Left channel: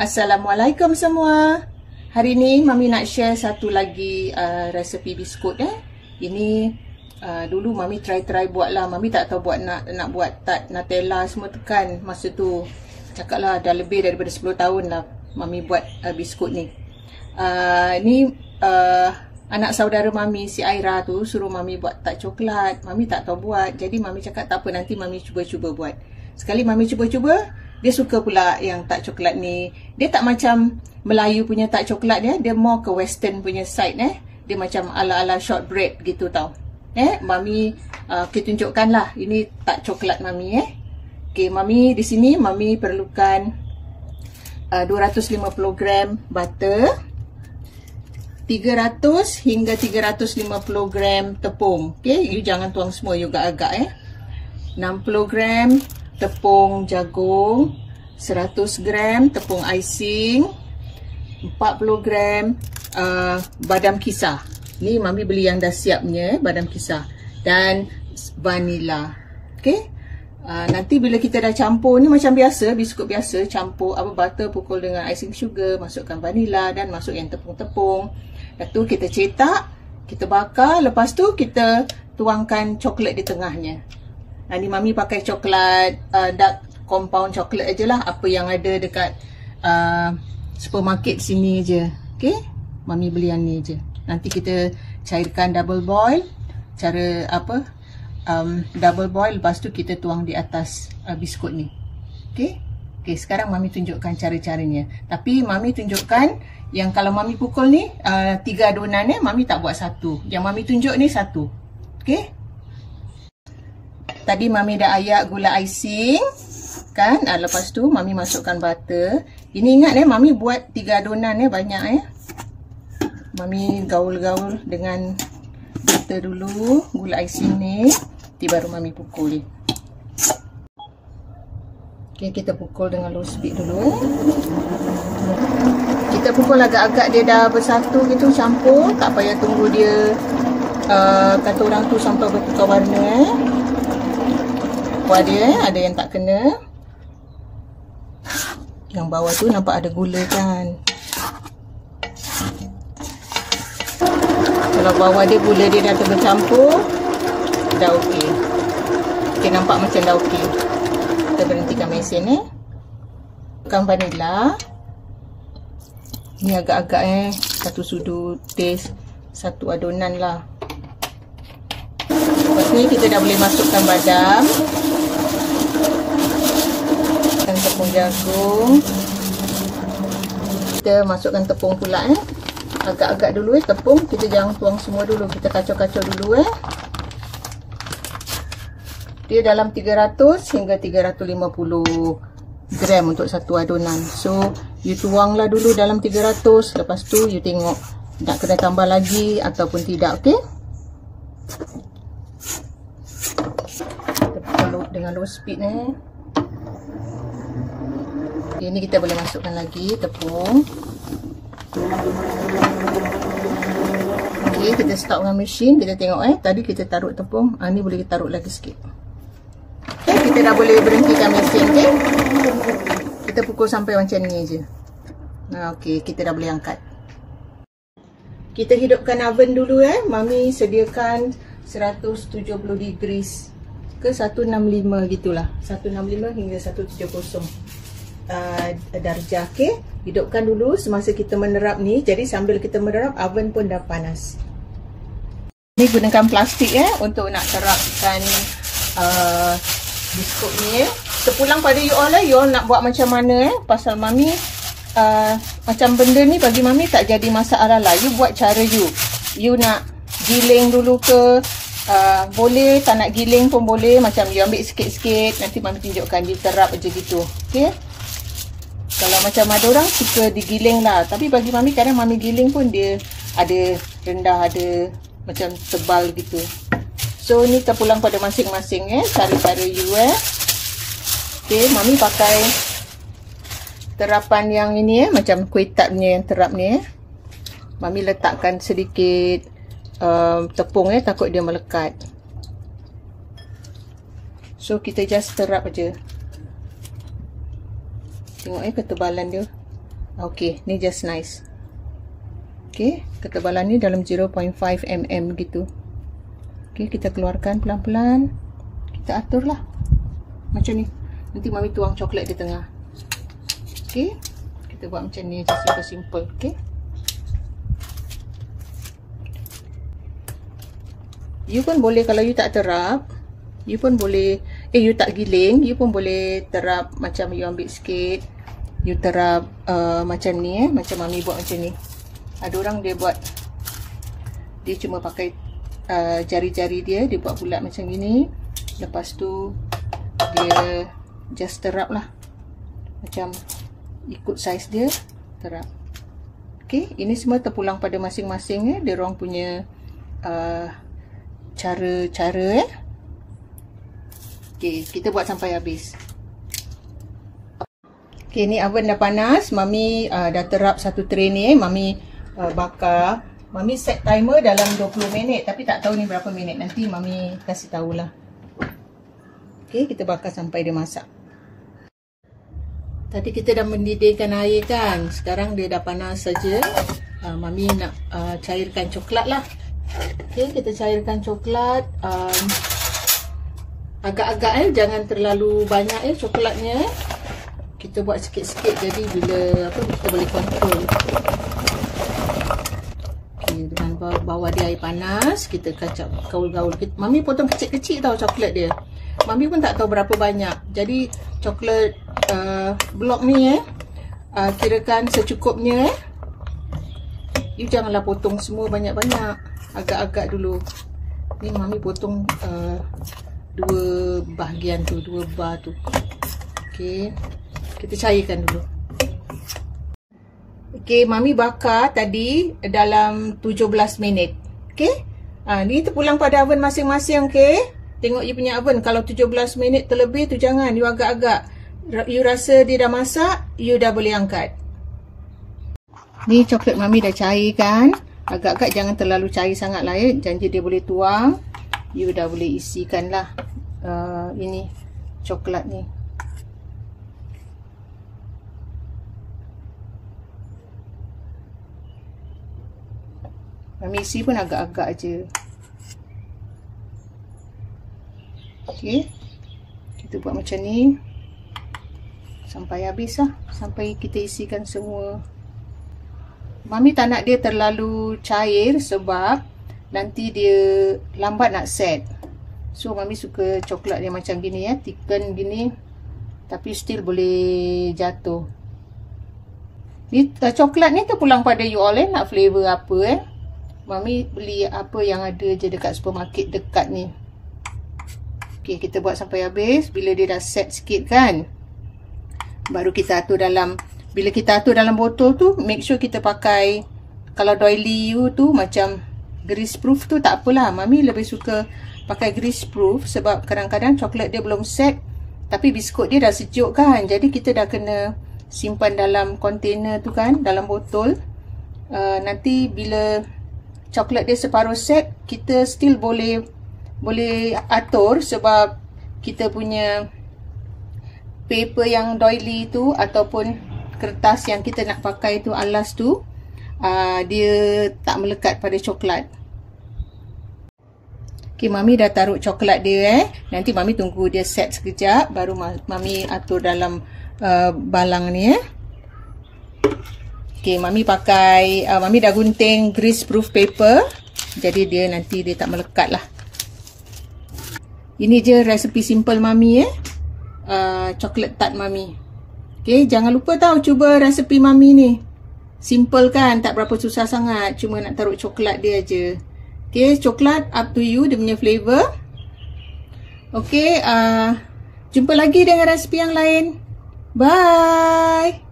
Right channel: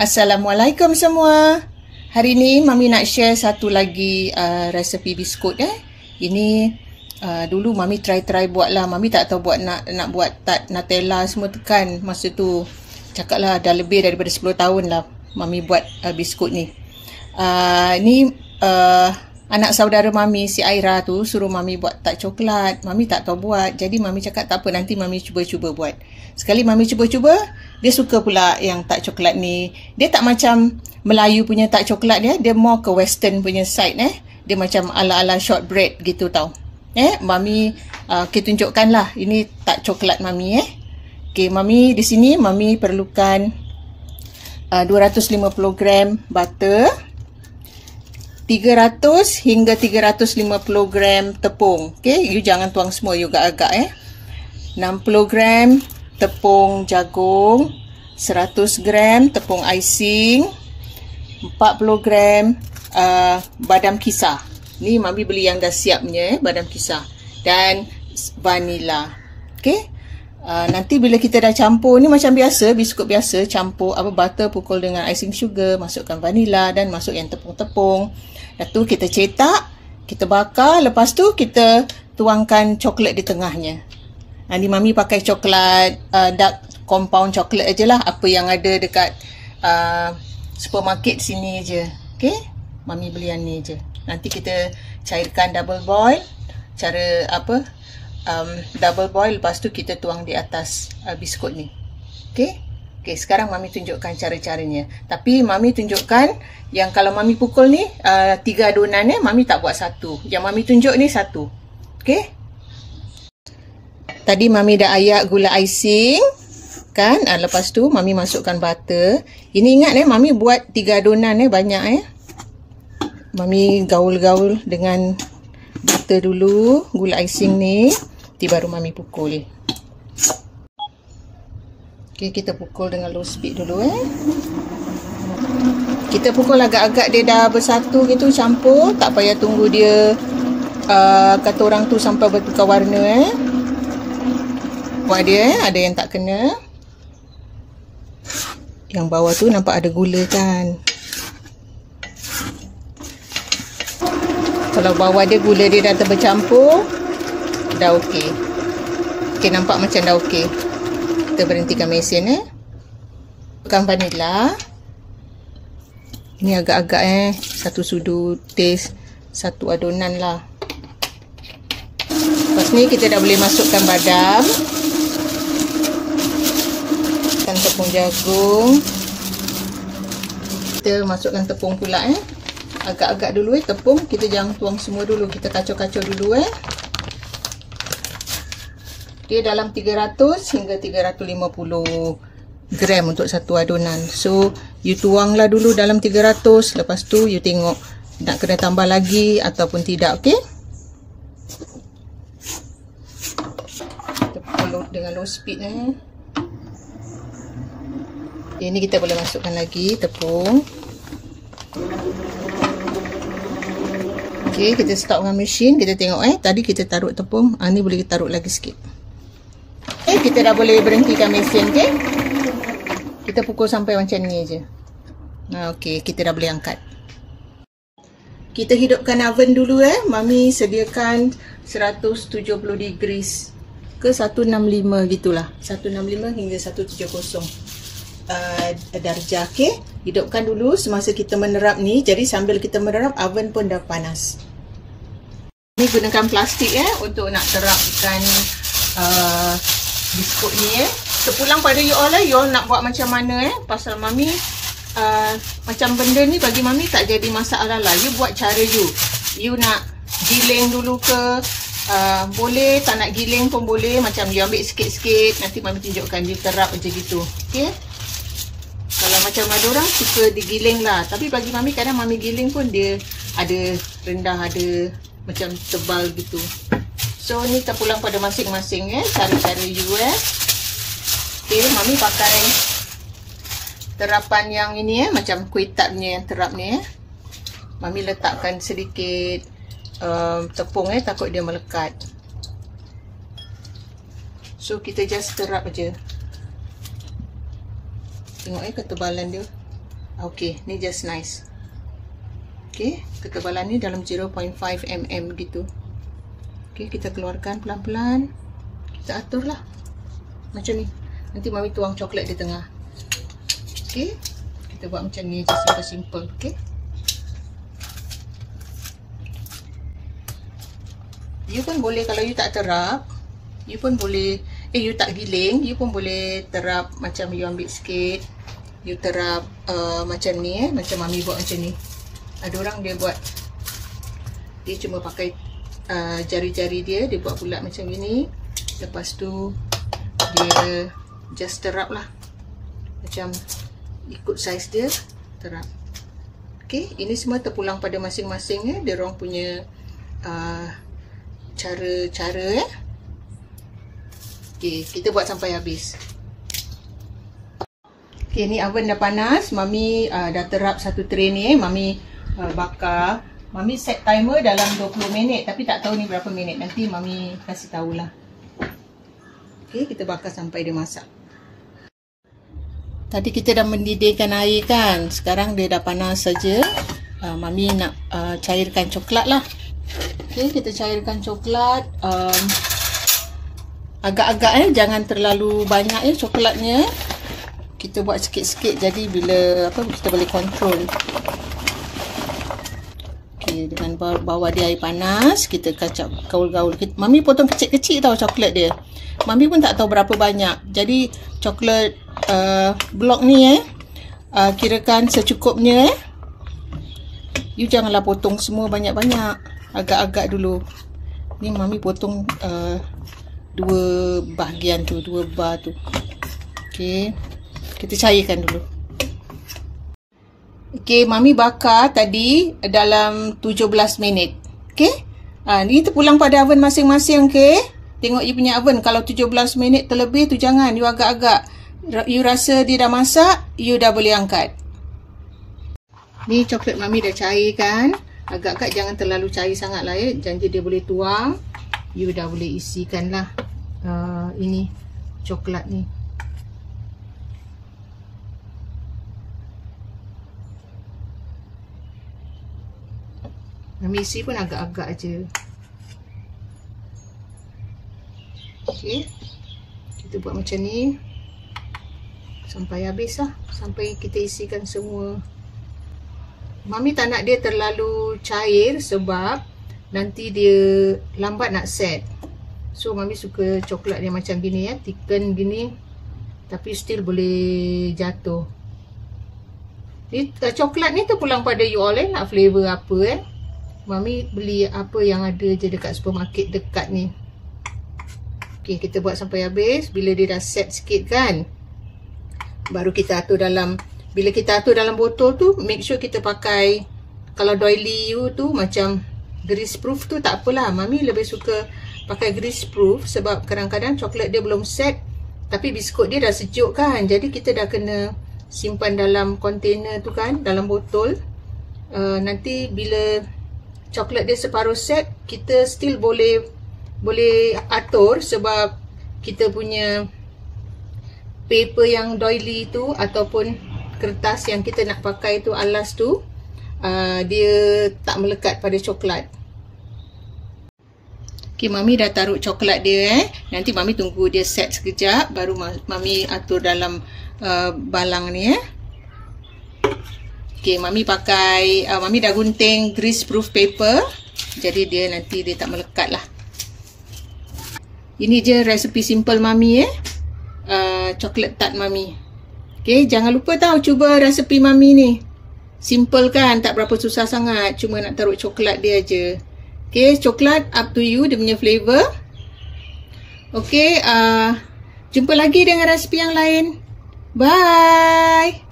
Assalamualaikum semua. Hari ni Mami nak share satu lagi resepi biskut Ini dulu Mami try buat lah. Mami tak tahu buat nak buat tart Nutella semua tekan. Masa tu cakap lah dah lebih daripada 10 tahun lah Mami buat biskut ni. Ni anak saudara Mami si Aira tu suruh Mami buat tart coklat. Mami tak tahu buat. Jadi Mami cakap tak apa, nanti Mami cuba-cuba buat. Sekali Mami cuba-cuba, dia suka pula yang tart coklat ni. Dia tak macam Melayu punya tart coklat dia more ke western punya side Dia macam ala-ala shortbread gitu tau. Mami kita tunjukkan lah. Ini tart coklat Mami Okay, Mami di sini Mami perlukan 250 gram butter, 300 hingga 350 gram tepung. Okay, you jangan tuang semua, you agak-agak 60 gram tepung jagung, 100 gram tepung icing, 40 gram badam kisar. Ni Mami beli yang dah siap punya badam kisar, dan vanila. Okay, nanti bila kita dah campur ni macam biasa, biskut biasa, campur butter pukul dengan icing sugar, masukkan vanila dan masuk yang tepung-tepung. Lepas tu kita cetak, kita bakar, lepas tu kita tuangkan coklat di tengahnya. Ni Mami pakai coklat dark compound coklat aje lah, apa yang ada dekat supermarket sini je. Okay, Mami beli yang ni je. Nanti kita cairkan double boil. Cara double boil, lepas tu kita tuang di atas biskut ni. Okay, sekarang Mami tunjukkan cara-caranya. Tapi Mami tunjukkan yang kalau Mami pukul ni 3 adunan Mami tak buat satu. Yang Mami tunjuk ni satu. Okay, tadi Mami dah ayak gula icing kan. Lepas tu Mami masukkan butter. Ini ingat Mami buat 3 adunan banyak Mami gaul-gaul dengan butter dulu, gula icing ni. Nanti baru Mami pukul. Okay, kita pukul dengan low speed dulu Kita pukul agak-agak dia dah bersatu gitu, campur. Tak payah tunggu dia kata orang tu sampai bertukar warna ada yang tak kena. Yang bawah tu nampak ada gula kan. Kalau bawah dia gula dia dah bercampur, dah okey. Okay, nampak macam dah okey. Kita berhentikan mesin Bukan vanila. Ini agak-agak satu sudu taste, satu adunan lah. Lepas ni kita dah boleh masukkan badam, tepung jagung. Kita masukkan tepung pula agak-agak dulu tepung. Kita jangan tuang semua dulu, kita kacau-kacau dulu Dia dalam 300 hingga 350 gram untuk satu adunan. So you tuanglah dulu dalam 300. Lepas tu you tengok nak kena tambah lagi ataupun tidak. Okay, kita dengan low speed Ini kita boleh masukkan lagi tepung. Okay, kita start dengan mesin. Kita tengok tadi kita taruh tepung. Ni boleh taruh lagi sikit. Okay, kita dah boleh berhentikan mesin. Okay, kita pukul sampai macam ni je. Okay, kita dah boleh angkat. Kita hidupkan oven dulu Mami sediakan 170 degrees ke 165 gitulah. 165 hingga 170 darjah. Okay, hidupkan dulu semasa kita menerap ni. Jadi sambil kita menerap, oven pun dah panas. Ni gunakan plastik untuk nak terapkan biskut ni. Sepulang pada you all you all nak buat macam mana pasal Mami macam benda ni bagi Mami tak jadi masalah lah. You buat cara you nak giling dulu ke boleh, tak nak giling pun boleh. Macam you ambil sikit-sikit, nanti Mami tunjukkan you terap je gitu. Okay, kalau macam ada orang suka digiling lah, tapi bagi Mami kadang Mami giling pun dia ada rendah, ada macam tebal gitu. So ni terpulang pada masing-masing cara-cara you Okay, Mami pakai terapan yang ini macam kuih tart punya yang terap ni Mami letakkan sedikit tepung takut dia melekat. So kita just terap aja. Tengok ketebalan dia. Okay, ni just nice. Okay, ketebalan ni dalam 0.5 mm gitu. Okay, kita keluarkan pelan-pelan. Kita atur lah macam ni. Nanti Mami tuang coklat di tengah. Okay, kita buat macam ni je, simple-simple. Okay, you pun boleh, kalau you tak terap, you pun boleh, you tak giling, you pun boleh terap macam you ambil sikit, you terap macam ni, macam Mami buat macam ni. Ada orang dia buat, dia cuma pakai jari-jari dia buat bulat macam gini. Lepas tu dia just terap lah, macam ikut saiz dia terap. Okay, ini semua terpulang pada masing-masing dia orang punya cara. Okay, kita buat sampai habis. Okay, ni oven dah panas. Mami dah terap satu tray ni. Mami bakar. Mami set timer dalam 20 minit. Tapi tak tahu ni berapa minit. Nanti Mami kasih tahulah. Okay, kita bakar sampai dia masak. Tadi kita dah mendidihkan air kan. Sekarang dia dah panas saja. Mami nak cairkan coklat lah. Okay, kita cairkan coklat. Agak-agak jangan terlalu banyak coklatnya. Kita buat sikit-sikit, jadi bila kita boleh kontrol. Okay, dengan bawah dia air panas, kita kacap gaul-gaul. Mami potong kecil-kecil tau coklat dia. Mami pun tak tahu berapa banyak. Jadi coklat blok ni kirakan secukupnya. You janganlah potong semua banyak-banyak. Agak-agak dulu. Ni Mami potong 2 bahagian tu, 2 bar tu. Okay, kita cairkan dulu. Okay, Mami bakar tadi dalam 17 minit. Okay, ni terpulang pada oven masing-masing. Okay, tengok you punya oven. Kalau 17 minit terlebih tu jangan, you agak-agak. You rasa dia dah masak, you dah boleh angkat. Ni coklat Mami dah cairkan. Agak-agak jangan terlalu cair sangat lah janji dia boleh tuang. You dah boleh isikan lah ini coklat ni. Mami isi pun agak-agak je. Okay, kita buat macam ni sampai habis lah, sampai kita isikan semua. Mami tak nak dia terlalu cair sebab nanti dia lambat nak set. So Mami suka coklat dia macam gini thicken gini, tapi still boleh jatuh. Ni coklat ni terpulang pada you all nak flavor apa Mami beli apa yang ada je dekat supermarket dekat ni. Okay, kita buat sampai habis. Bila dia dah set sikit kan, baru kita atur dalam. Bila kita atur dalam botol tu, make sure kita pakai, kalau doily you tu macam grease proof tu tak apalah. Mami lebih suka pakai grease proof sebab kadang-kadang coklat dia belum set tapi biskut dia dah sejuk kan. Jadi kita dah kena simpan dalam container tu kan, dalam botol. Nanti bila coklat dia separuh set, kita still boleh atur sebab kita punya paper yang doily tu ataupun kertas yang kita nak pakai tu, alas tu, dia tak melekat pada coklat. Okay, Mami dah taruh coklat dia Nanti Mami tunggu dia set sekejap, baru Mami atur dalam balang ni Okay, Mami pakai, Mami dah gunting grease proof paper. Jadi dia nanti dia tak melekat lah. Ini je resepi simple Mami coklat tart Mami. Okay, jangan lupa tau cuba resepi Mami ni. Simple kan, tak berapa susah sangat. Cuma nak taruh coklat dia je. Okay, coklat up to you, dia punya flavor. Okay, jumpa lagi dengan resepi yang lain. Bye!